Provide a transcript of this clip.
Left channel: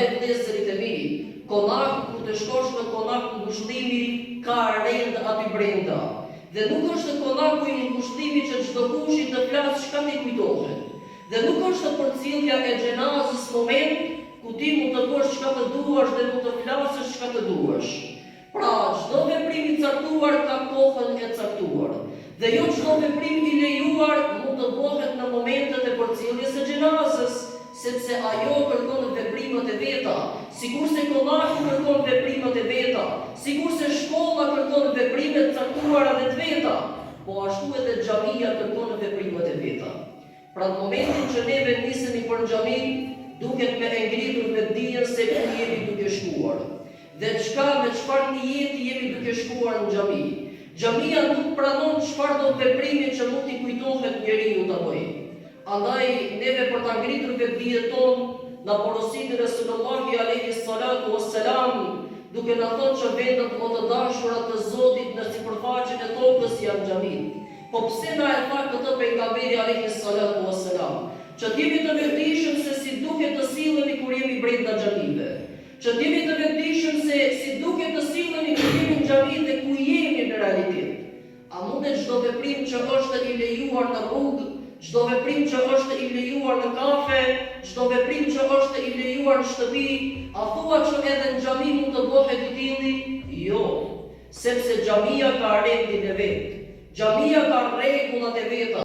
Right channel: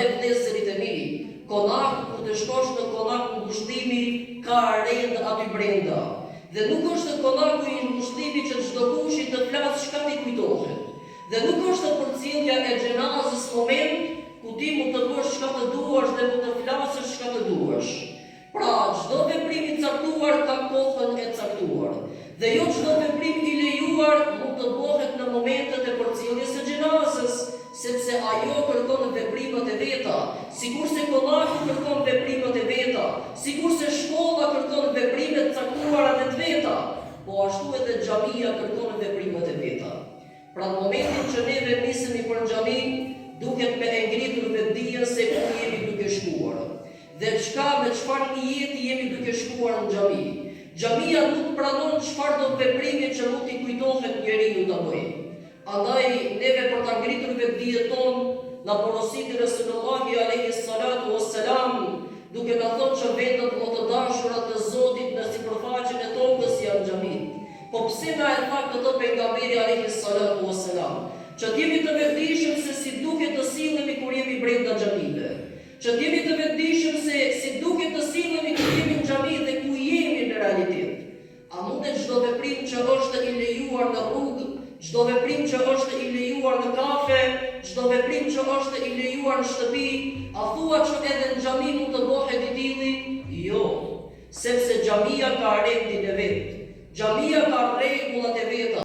Andaj vëllezërit e mi, konaku kur të shkosh në konaku ngushtimi ka rend aty brenda. Dhe nuk është konaku i ngushtimi që çdo kush të flasë çka ti kujtohet. Dhe nuk është përcjellja e xhenazës moment ku ti mund të thuash çka të duash dhe mund të flasësh çka të duash. Pra, çdo veprim i caktuar ka kohën e caktuar. Dhe jo çdo veprim i lejuar mund të bëhet në momentet e përcjelljes së xhenazës, sepse ajo kërkon veprimet e veta, sikurse konaku kërkon veprimet e veta, sikurse shkolla kërkon veprimet e caktuara dhe të veta, po ashtu edhe xhamia kërkon veprimet e veta. Pra në momentin që ne vendisemi për xhami, duket me ngritur vetdijen se ku jemi duke shkuar. Dhe me çfarë niyeti jemi duke shkuar në xhami. Xhamia nuk pranon çfarë do veprimi që nuk i kujtohet njeriu ta bëjë. Andaj neve për ta ngritur vetdijen tonë, na porositë Resulullah alayhi salatu wassalam, duke na thënë që vendet më të dashura të Zotit në sipërfaqen e tokës janë xhamit. Po pse na e tha këtë pejgamberi alayhi salatu wassalam? Që t'jemi të vetëdijshëm se si duhet të sillemi kur jemi brenda xhamive. Që t'jemi të vetëdijshëm se si duhet të sillemi kur jemi në xhami dhe ku jemi në realitet. A mundet çdo veprim që është i lejuar në rrugë, çdo veprim që është i lejuar në kafe, çdo veprim që është i lejuar në shtëpi, a thua që edhe në xhami mund të bëhet i tillë? Jo, sepse xhamia ka rendin e vet. Xhamia ka rregullat e veta.